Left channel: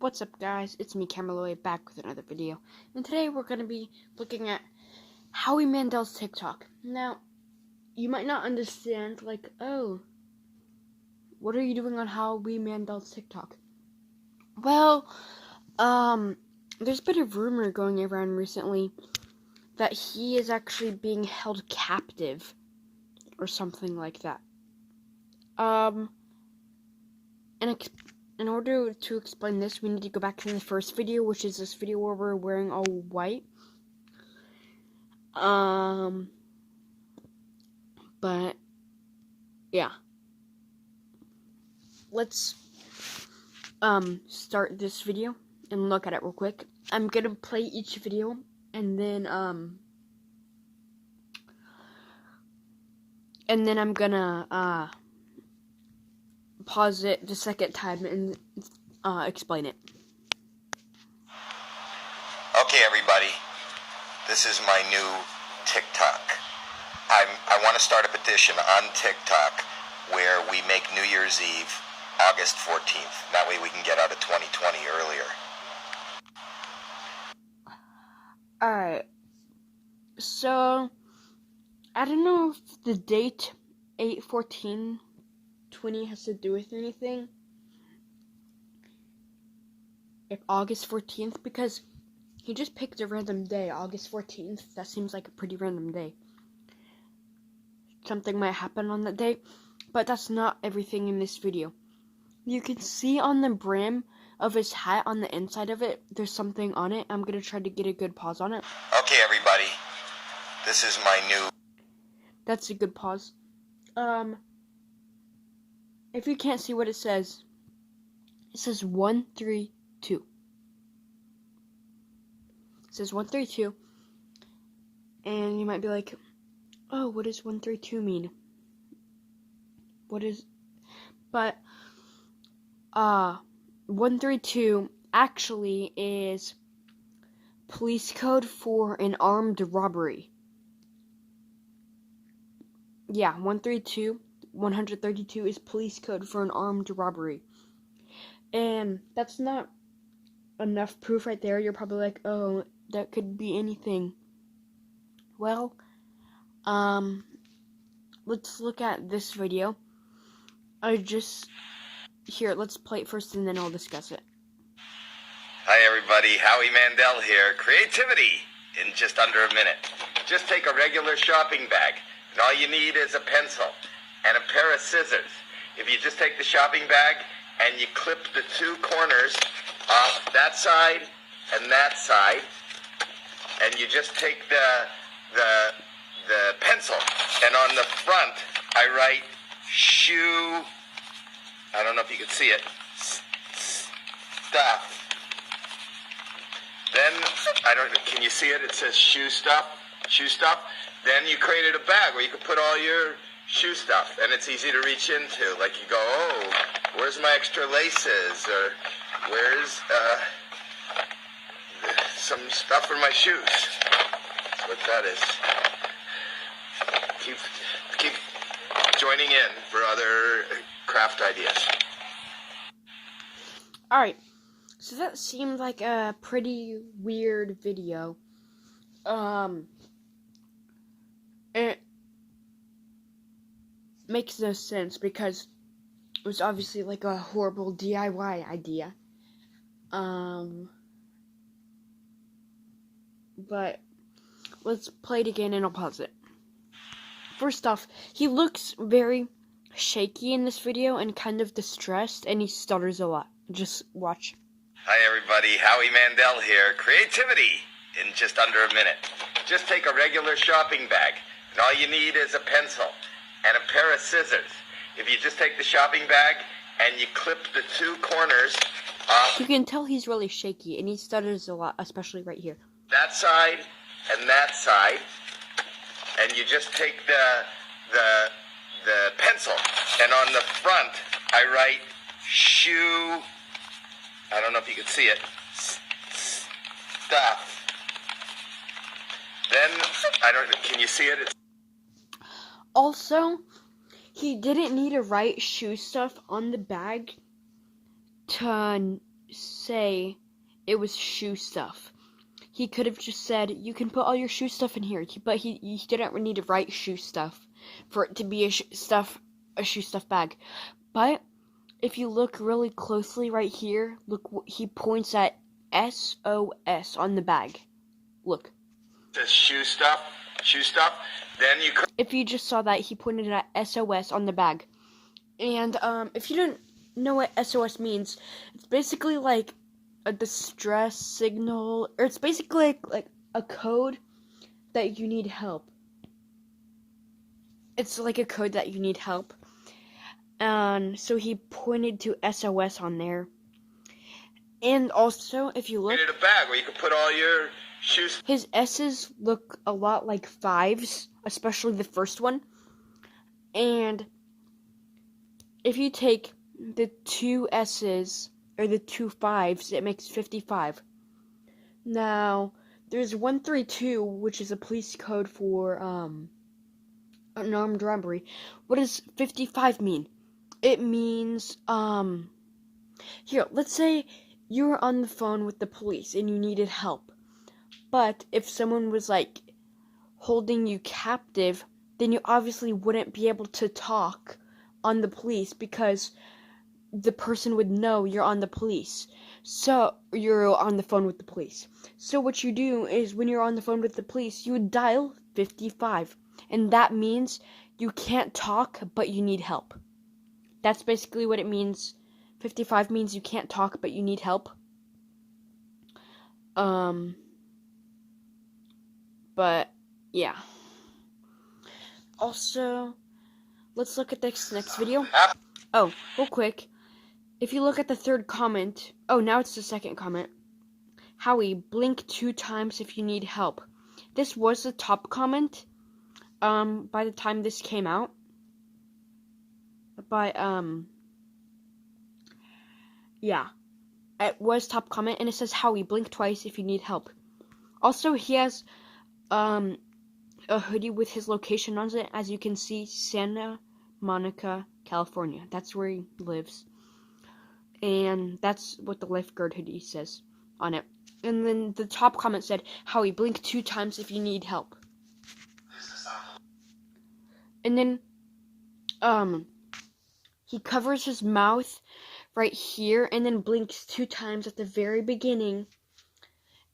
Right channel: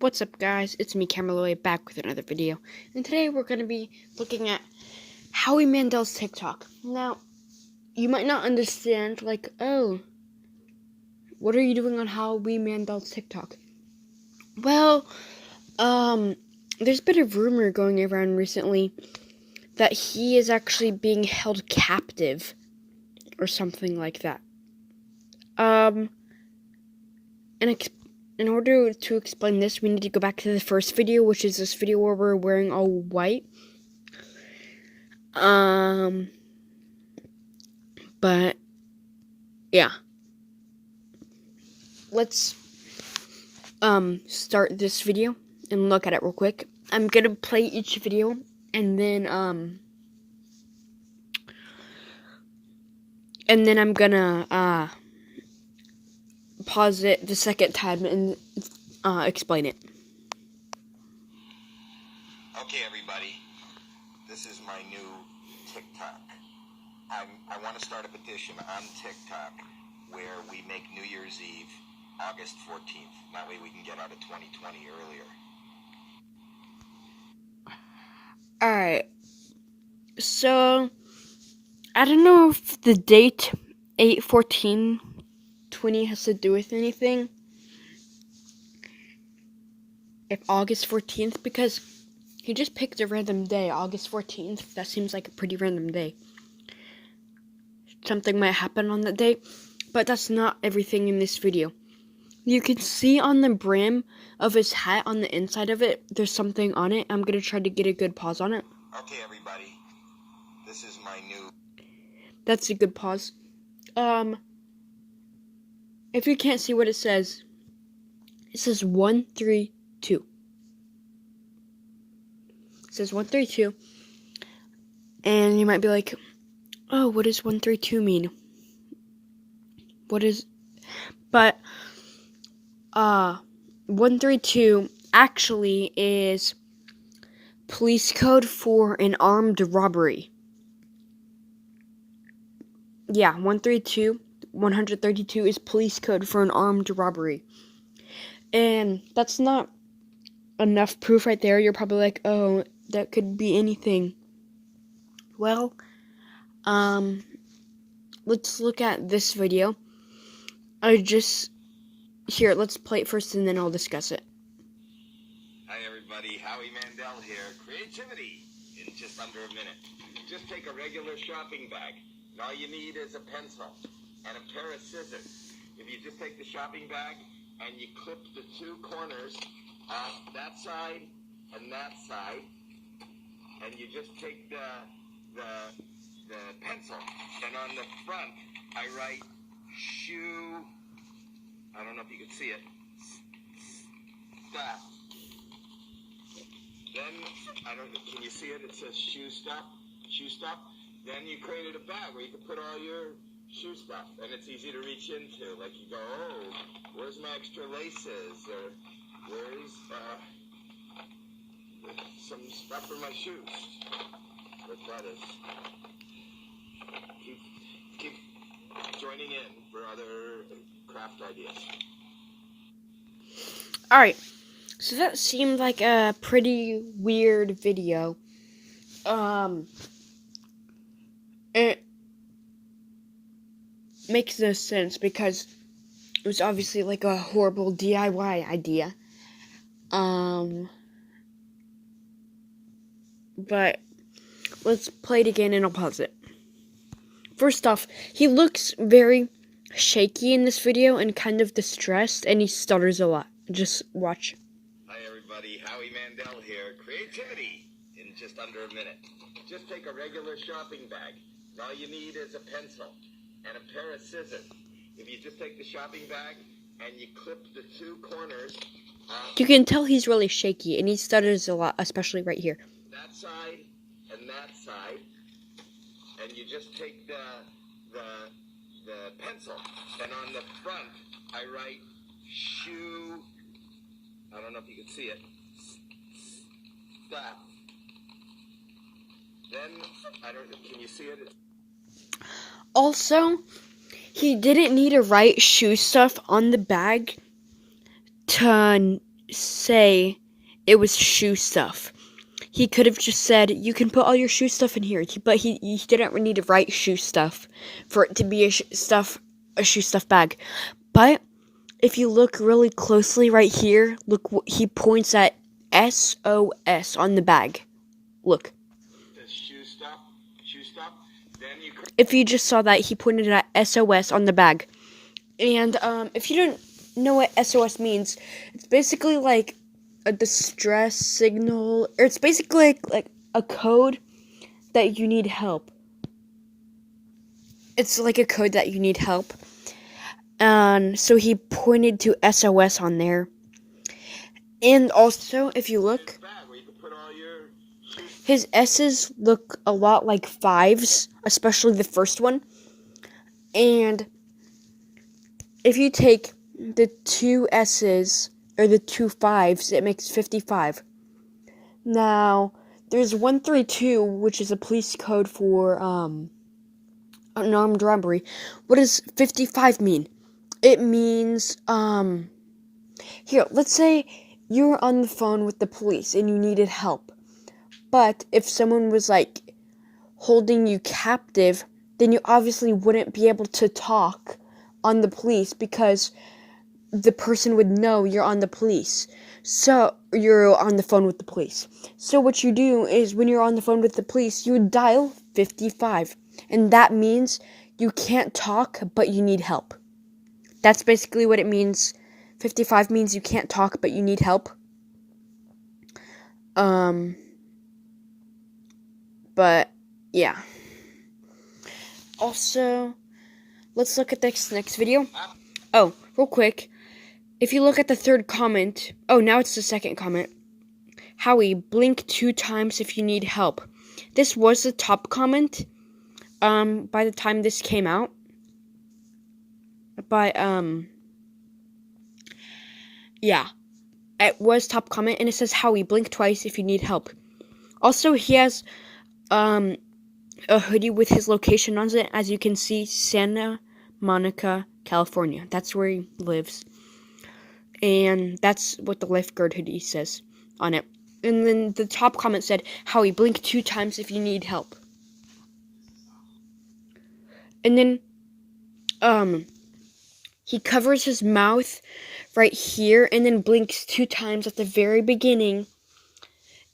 What's up, guys? It's me, Camerloy, back with another video. And today we're going to be looking at Howie Mandel's TikTok. Now, you might not understand, oh, what are you doing on Howie Mandel's TikTok? Well, there's been a rumor going around recently that he is actually being held captive or something like that. In order to explain this, we need to go back to the first video, which is this video where we're wearing all white. But, yeah. Let's, start this video and look at it real quick. I'm gonna play each video, and then I'm gonna, pause it the second time and, explain it. Okay, everybody, this is my new TikTok. I want to start a petition on TikTok where we make New Year's Eve August 14th. That way we can get out of 2020 earlier. Alright, so I don't know if the date 8/14/20 has to do with anything. If August 14th, because he just picked a random day, August 14th. That seems like a pretty random day. Something might happen on that day, but that's not everything in this video. You can see on the brim of his hat, on the inside of it, there's something on it. I'm going to try to get a good pause on it. Okay, everybody, this is my new... That's a good pause. If you can't see what it says 132. It says 132. And you might be like, oh, what does 132 mean? But 132 actually is police code for an armed robbery. Yeah, 132 is police code for an armed robbery. And that's not enough proof right there. You're probably like, oh, that could be anything. Well, let's look at this video. Here, let's play it first and then I'll discuss it. Hi, everybody. Howie Mandel here. Creativity in just under a minute. Just take a regular shopping bag, and all you need is a pencil and a pair of scissors. If you just take the shopping bag and you clip the two corners off that side and that side, and you just take the pencil, and on the front I write shoe, I don't know if you can see it, stuff. Then, can you see it? It says shoe stuff. Then you created a bag where you could put all your shoe stuff, and it's easy to reach into. Like you go, oh, where's my extra laces? Or where's some stuff for my shoes? That's what that is. Keep joining in for other craft ideas. Alright, so that seemed like a pretty weird video. It makes no sense because it was obviously like a horrible DIY idea. But let's play it again and I'll pause it. First off, he looks very shaky in this video and kind of distressed, and he stutters a lot. Just watch. Hi, everybody. Howie Mandel here. Creativity in just under a minute. Just take a regular shopping bag, and all you need is a pencil and a pair of scissors. If you just take the shopping bag and you clip the two corners off... You can tell he's really shaky, and he stutters a lot, especially right here. That side and that side, and you just take the pencil, and on the front I write shoe, I don't know if you can see it, stuff. Then, can you see it? Also, he didn't need to write shoe stuff on the bag to say it was shoe stuff. He could have just said, you can put all your shoe stuff in here, but he didn't need to write shoe stuff for it to be a shoe stuff bag. But if you look really closely right here, look, he points at SOS on the bag. Look. Says shoe stuff. Then you could. If you just saw that, he pointed at SOS on the bag. And if you don't know what SOS means, it's basically like a distress signal, or it's basically like a code that you need help. It's like a code that you need help. And so he pointed to SOS on there. And also, if you look, a bag where you can put all your shoes. His S's look a lot like 5s, especially the first one. And if you take the 2 S's or the 2 5s, it makes 55. Now, there's 132, which is a police code for an armed robbery. What does 55 mean? It means, here, let's say you were on the phone with the police and you needed help. But if someone was, like, holding you captive, then you obviously wouldn't be able to talk on the police because the person would know you're on the police. So, you're on the phone with the police. So what you do is when you're on the phone with the police, you would dial 55. And that means you can't talk, but you need help. That's basically what it means. 55 means you can't talk, but you need help. But, yeah. Also, let's look at this next video. Oh, real quick. If you look at the third comment, now it's the second comment. Howie, blink 2 times if you need help. This was the top comment, by the time this came out. But, yeah. It was top comment, and it says, Howie, blink twice if you need help. Also, he has, a hoodie with his location on it. As you can see, Santa Monica, California. That's where he lives. And that's what the lifeguard hoodie says on it. And then the top comment said, Howie, blink 2 times if you need help. And then, he covers his mouth right here and then blinks 2 times at the very beginning.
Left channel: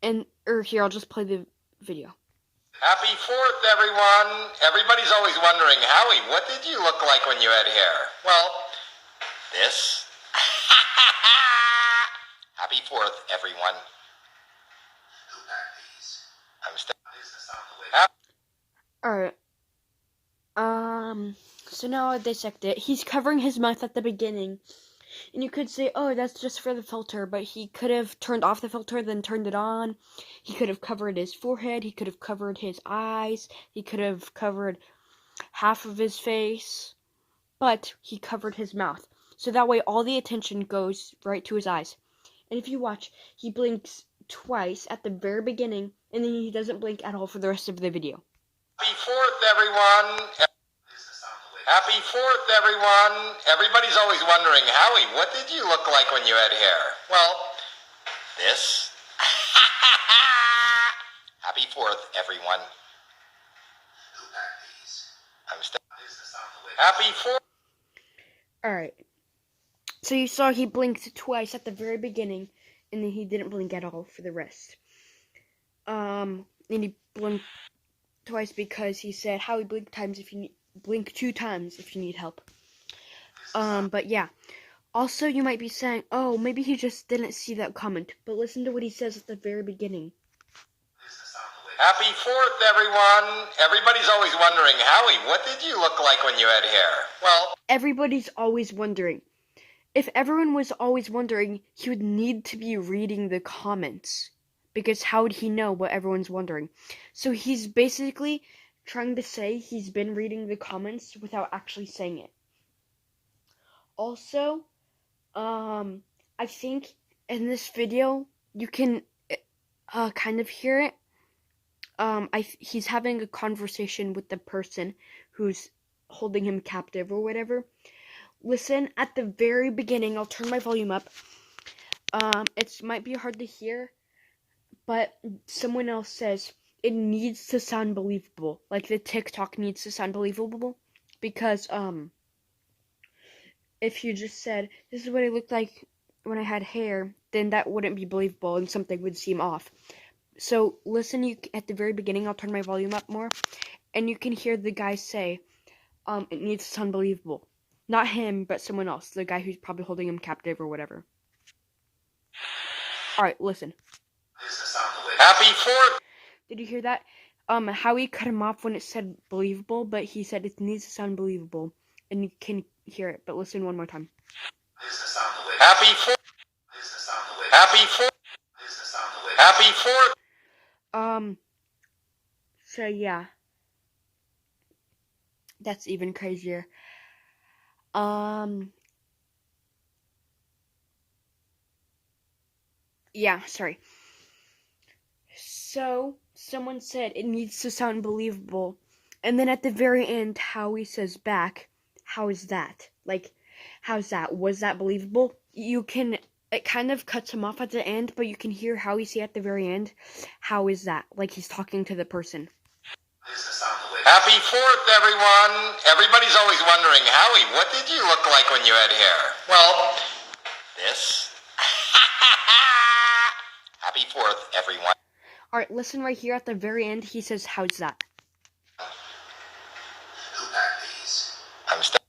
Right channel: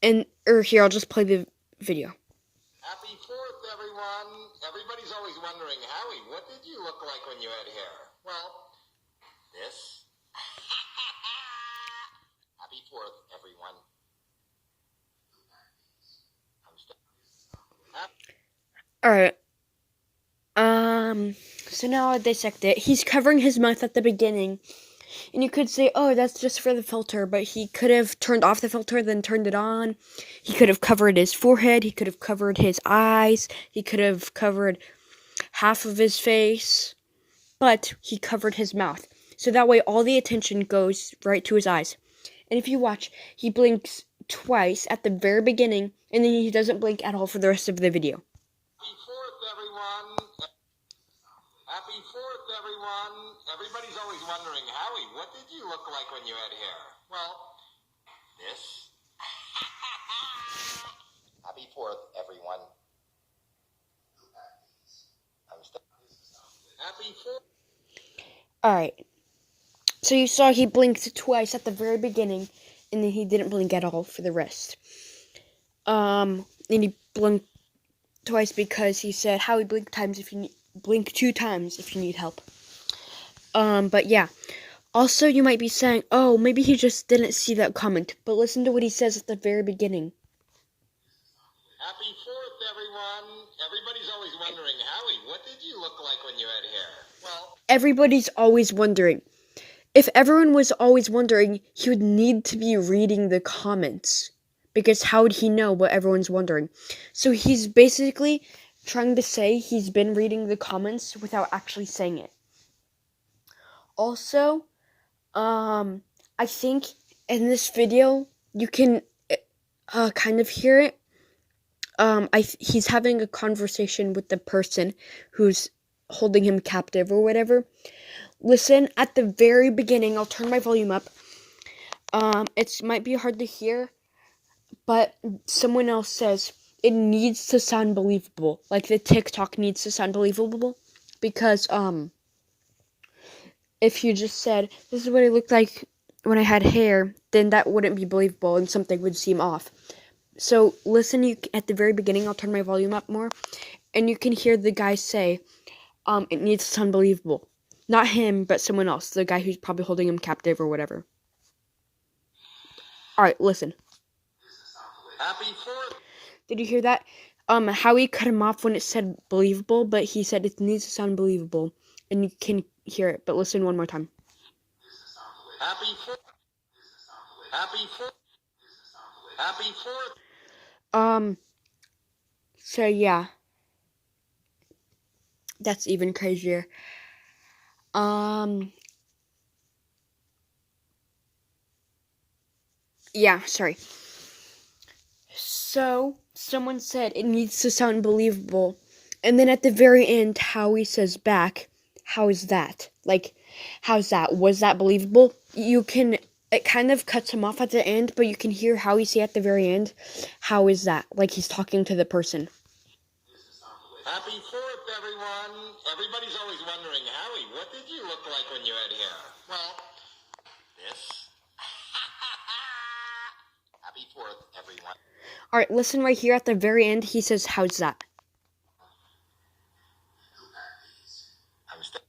Here, I'll just play the video. Happy 4th, everyone. Everybody's always wondering, Howie, what did you look like when you had hair? Well, this. Happy 4th, everyone. Alright. So now I'll dissect it. He's covering his mouth at the beginning. And you could say, oh, that's just for the filter. But he could have turned off the filter, then turned it on. He could have covered his forehead. He could have covered his eyes. He could have covered half of his face. But he covered his mouth. So that way all the attention goes right to his eyes. And if you watch, he blinks twice at the very beginning. And then he doesn't blink at all for the rest of the video. Happy 4th, everyone. Happy 4th, everyone. Everybody's always wondering, Howie, what did you look like when you had hair? Well, this. Happy 4th, everyone. Happy 4th. Alright. So you saw he blinked twice at the very beginning, and then he didn't blink at all for the rest. And he blinked twice because he said, Howie, blink 2 times if you need help. But yeah. Also, you might be saying, oh, maybe he just didn't see that comment. But listen to what he says at the very beginning. Happy 4th, everyone. Everybody's always wondering, Howie, what did you look like when you had hair? Well, everybody's always wondering. If everyone was always wondering, he would need to be reading the comments. Because how would he know what everyone's wondering? So he's basically trying to say he's been reading the comments without actually saying it. Also, I think in this video, you can kind of hear it. He's having a conversation with the person who's holding him captive or whatever. Listen, at the very beginning, I'll turn my volume up. It might be hard to hear, but someone else says it needs to sound believable. Like the TikTok needs to sound believable because if you just said this is what it looked like when I had hair, then that wouldn't be believable and something would seem off. So listen, at the very beginning, I'll turn my volume up more, and you can hear the guy say, it needs to sound believable. Not him, but someone else, the guy who's probably holding him captive or whatever. Alright, listen. Happy 4th! Did you hear that? Howie cut him off when it said believable, but he said it needs to sound believable, and you can hear it, but listen one more time. Happy 4th! Happy 4th! Happy 4th! So yeah. That's even crazier. Yeah, sorry. So, someone said it needs to sound believable. And then at the very end, Howie says back, how is that? Like, how's that? Was that believable? It kind of cuts him off at the end, but you can hear Howie say at the very end, how is that? Like he's talking to the person. Happy 4th, everyone! Everybody's always wondering, Howie, what did you look like when you had hair? Well, this. Happy 4th, everyone. Alright, listen right here at the very end. He says, how's that? Who packed these? I'm still.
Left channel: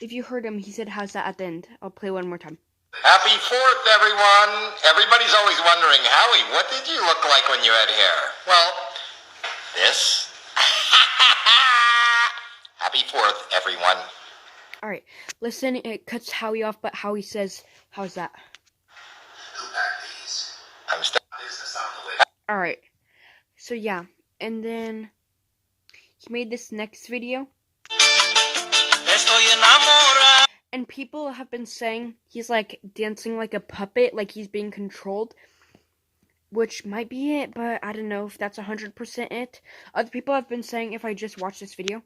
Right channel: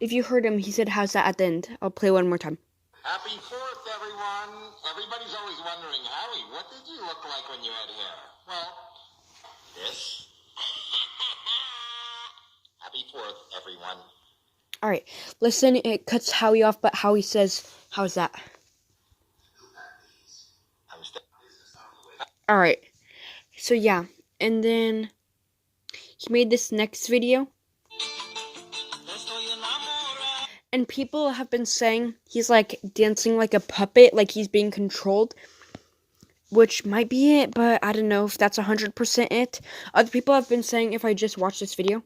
If you heard him, he said, how's that at the end? I'll play one more time. Happy 4th, everyone! Everybody's always wondering, Howie, what did you look like when you had hair? Well, this. Happy 4th, everyone. Alright, listen, it cuts Howie off, but Howie says, how's that? Who packed these? I'm still. Alright, so yeah, and then he made this next video. And people have been saying he's like dancing like a puppet, like he's being controlled. Which might be it, but I don't know if that's 100% it. Other people have been saying if I just watch this video,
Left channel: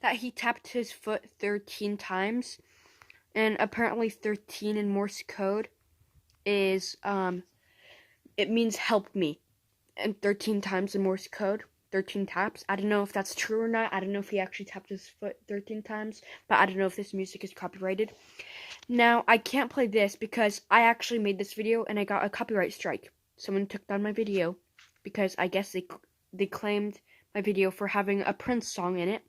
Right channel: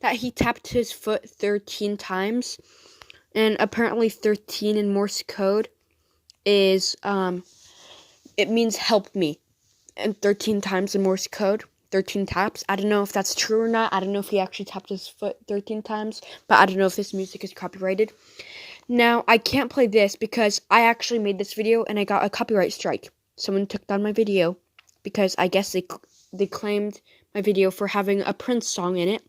that he tapped his foot 13 times. And apparently 13 in Morse code is, it means help me. And 13 times in Morse code, 13 taps. I don't know if that's true or not. I don't know if he actually tapped his foot 13 times. But I don't know if this music is copyrighted. Now, I can't play this because I actually made this video and I got a copyright strike. Someone took down my video because I guess they claimed my video for having a Prince song in it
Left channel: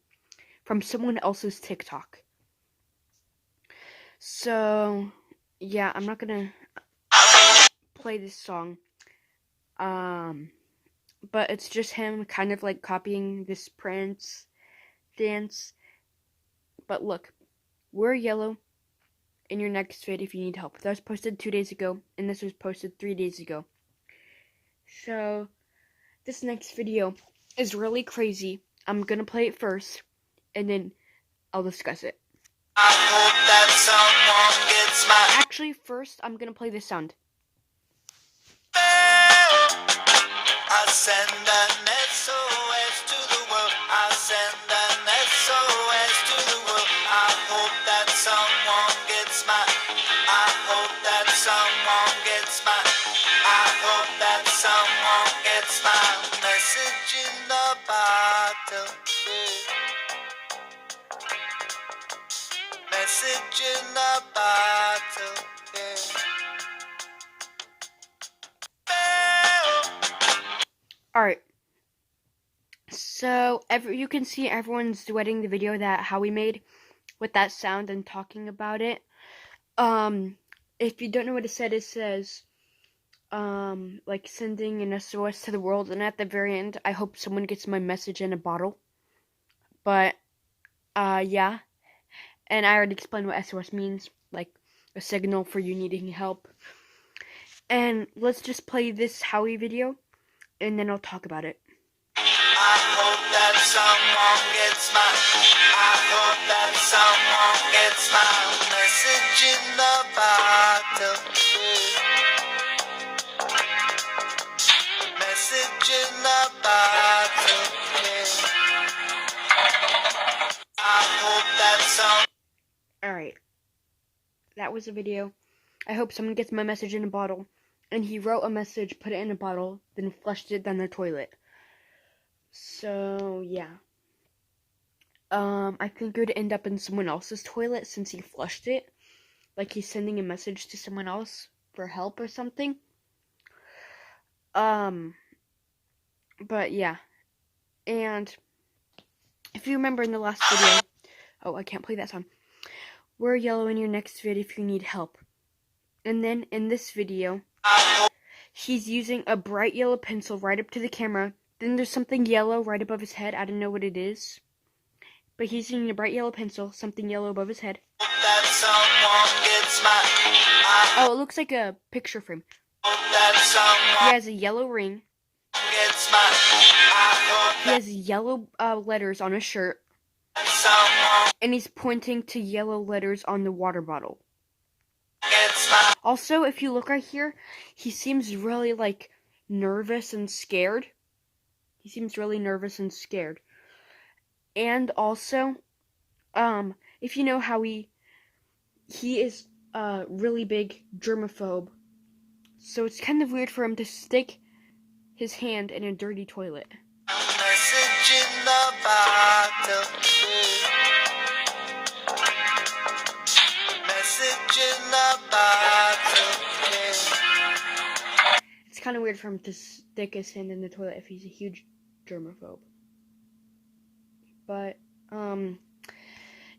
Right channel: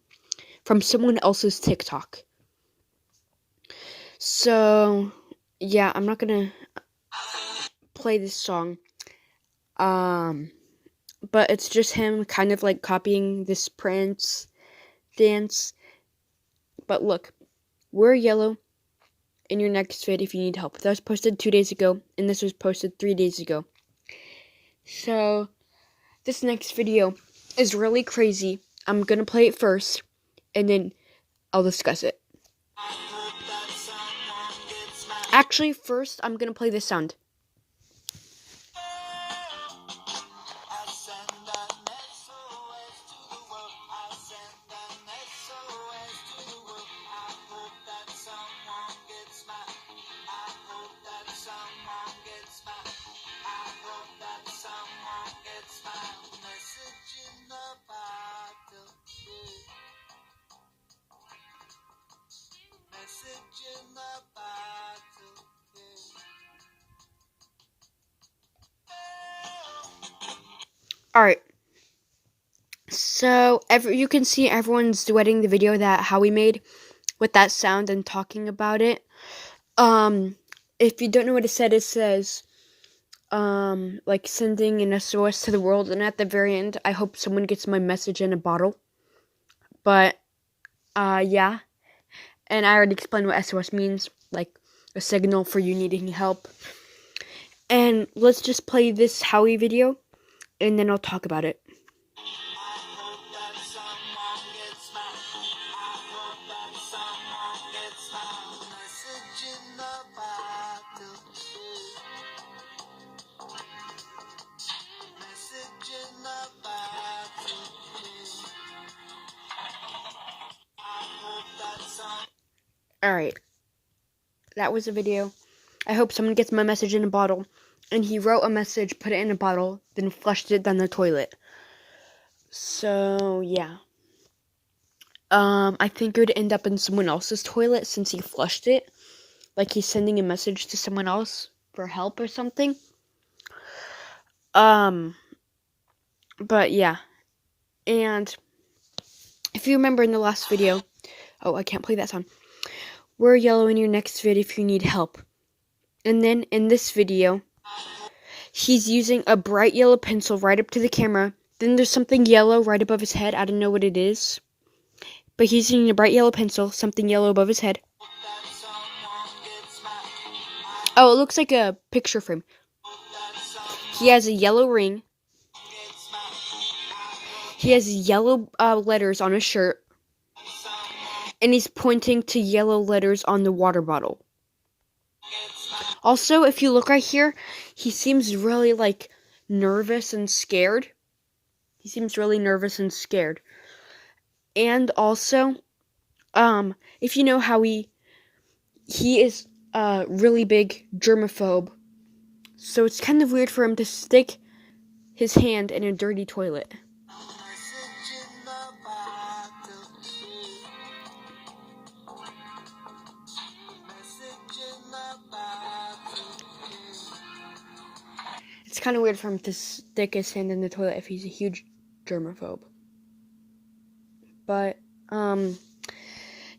from someone else's TikTok. So, yeah, I'm not gonna play this song. But it's just him kind of like copying this Prince dance. But look, wear yellow in your next vid if you need help. That was posted 2 days ago, and this was posted 3 days ago. So, this next video is really crazy. I'm gonna play it first, and then I'll discuss it. Actually, first, I'm gonna play this sound. Message in a bottle, Alright. So, you can see everyone's duetting the video that Howie made with that sound and talking about it. If you don't know what it says, like sending an SOS to the world, and at the very end, I hope someone gets my message in a bottle. But, yeah. And I already explained what SOS means, like a signal for you needing help. And let's just play this Howie video, and then I'll talk about it. I hope that someone gets my, I hope that someone gets my message in the bottle. Message in the bottle. I hope that someone. Alright. That was a video. I hope someone gets my message in a bottle. And he wrote a message, put it in a bottle, then flushed it down the toilet. So, yeah. I think it would end up in someone else's toilet since he flushed it. Like he's sending a message to someone else for help or something. But yeah. And if you remember in the last video, oh, I can't play that song. Wear yellow in your next vid if you need help. And then in this video, he's using a bright yellow pencil right up to the camera. Then there's something yellow right above his head. I don't know what it is. But he's using a bright yellow pencil, something yellow above his head. Oh, it looks like a picture frame. He has a yellow ring. He has yellow letters on his shirt. And he's pointing to yellow letters on the water bottle. Also, if you look right here, he seems really, like, nervous and scared. He seems really nervous and scared. And also, if you know Howie, he is a really big germaphobe. So it's kind of weird for him to stick his hand in a dirty toilet. It's kind of weird for him to stick his hand in the toilet if he's a huge germaphobe. But,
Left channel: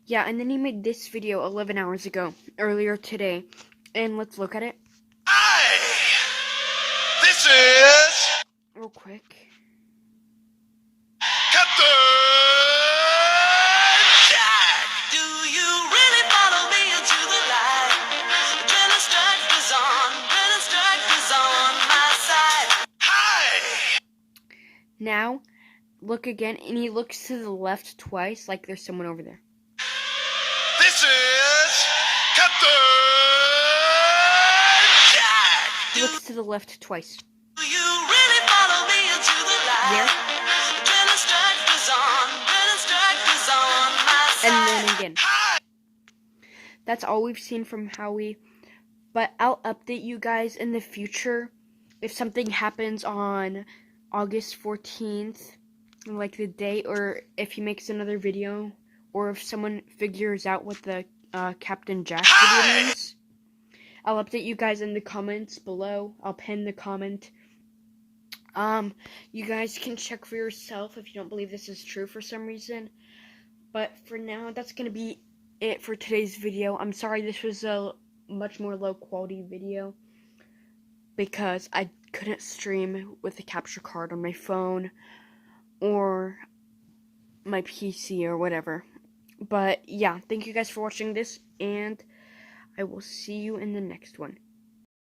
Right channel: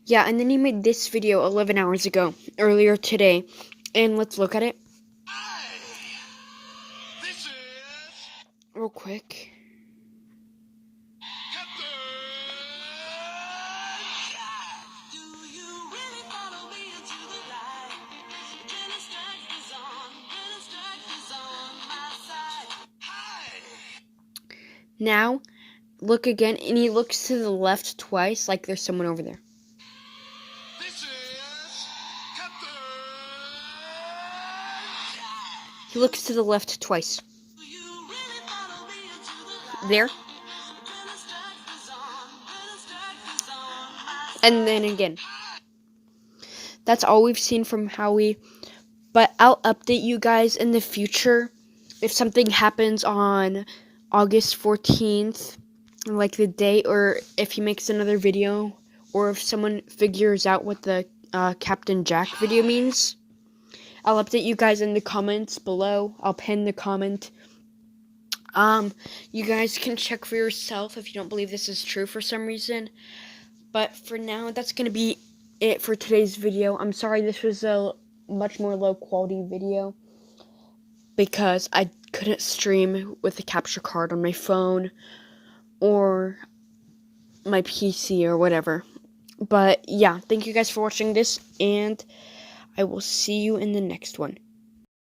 yeah, and then he made this video 11 hours ago, earlier today, and let's look at it. Hi! This is... Real quick. Captain Jack! Do you really follow me into the light? Adrenaline strike is on, adrenaline strike is on my side. Hi! Now, look again, and he looks to the left twice, like there's someone over there. This is Captain Jack! He looks to the left twice. Do you really follow me into the light? There. Adrenaline strike is on, adrenaline strike is on my side. And then again. That's all we've seen from Howie. But I'll update you guys in the future if something happens on August 14th, like the date, or if he makes another video, or if someone figures out what the Captain Jack video means. I'll update you guys in the comments below. I'll pin the comment. You guys can check for yourself if you don't believe this is true for some reason. But for now, that's going to be it for today's video. I'm sorry this was a much more low quality video because I couldn't stream with the capture card on my phone or my PC or whatever. But yeah, thank you guys for watching this, and I will see you in the next one.